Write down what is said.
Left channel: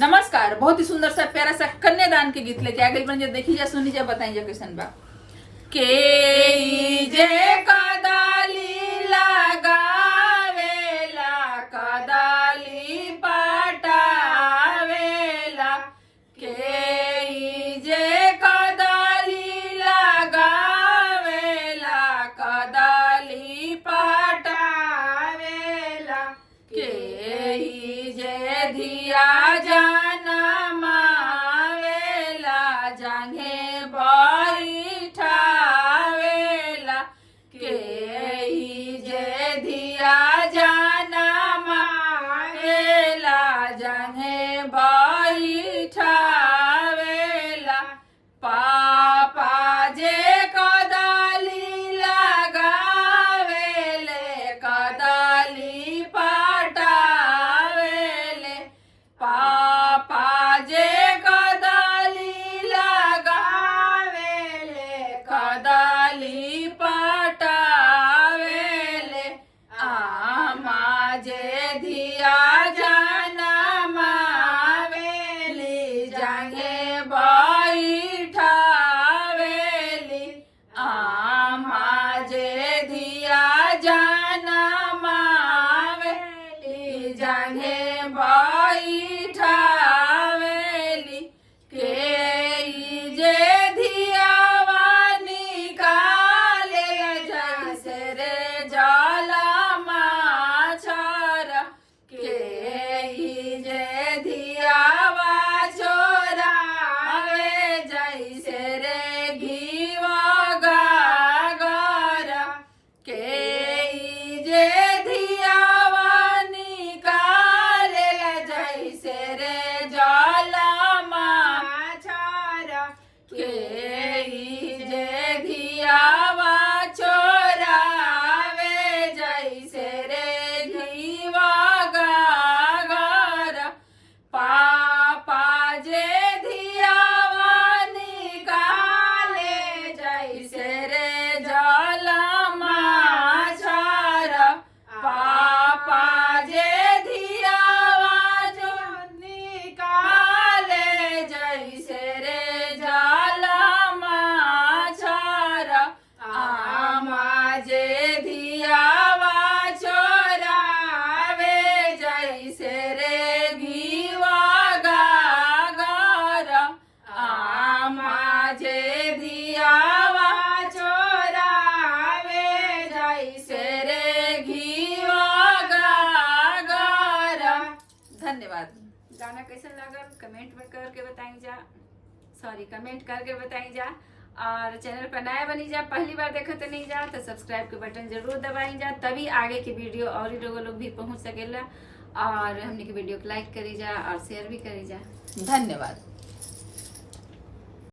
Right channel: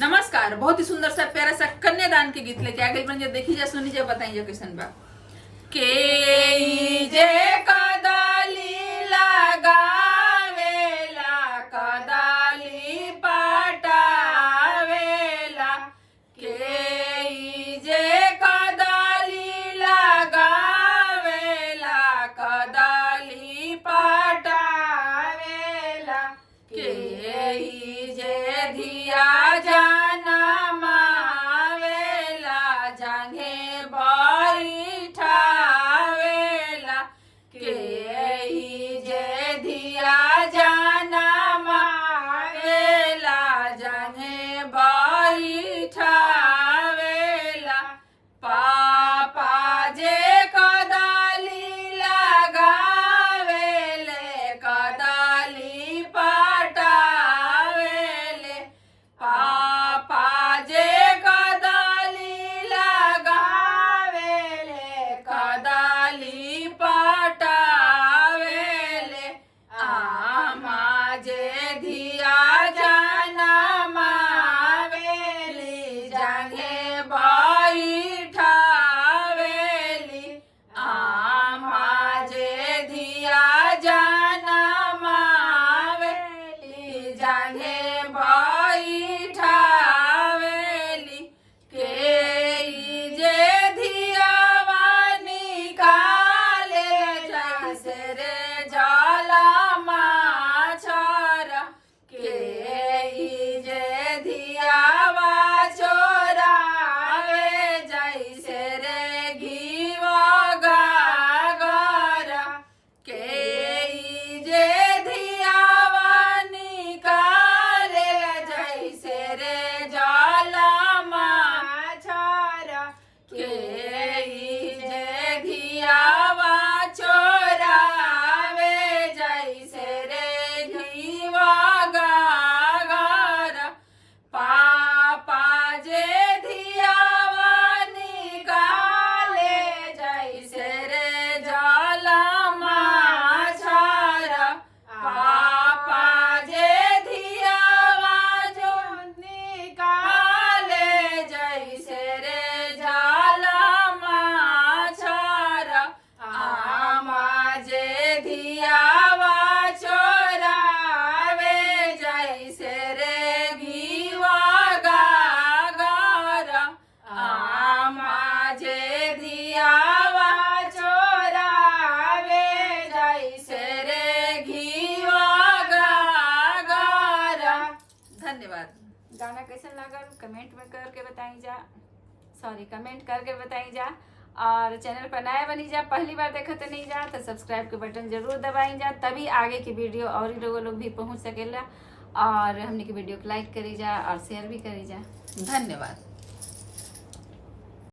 नमस्कार। बहुत ही सुंदर सा प्यारा सा कन्यादान के गीत लेके आ गई बन। देखी जा, सुनी जा, बताई जा कैसन बा। के जे कदाली लगावेला कदाली पटावेला, के जे कदाली लगावेला कदाली पटावेला, के जे धिया जनमावेला जांघे बैठावेला, के जे धिया जनमावेला जांघे बैठावेला, पापा जे कदाली लगावेले कदाली पटावेले, पापा जे कदाली लगावेले कदाली पटावेले, आमा जे धिया जनमावेली जांघे बैठावेली, आमा जे धिया जनमावेली जांघे बैठावेली, के जे धियावा निकाले जैसे रे जाला माछर, के जे धियावा चोरावे जैसे रे घीवा गागर, के जे धियावा निकाले जैसे रे जाला माछर, के जे धियावा चोरावे जैसे रे घीवा गागर, पापा जे धियावा निकाले जैसे रे जाला माछर, पापा जे धियावा जो निकाले जैसे रे जाला माछर, आमा जे धियावा चोरावे जैसे रे घीवा गागर, आमा जे धियावा चोरावे जैसे रे घीवा गागर। धन्यवाद। गाना कैसा लगा कमेंट में करके बताई जा, कमेंट करके बताई जा। और चैनल पर नया बनी जा, पहली बार देखा तो नहीं जा तो सब्सक्राइब के बटन जरूर दबाई जा, तभी आगे की वीडियो और ही लोग भी पहुंच सकेला। और हमने की वीडियो को लाइक करी जा और शेयर भी करी जा। धन्यवाद।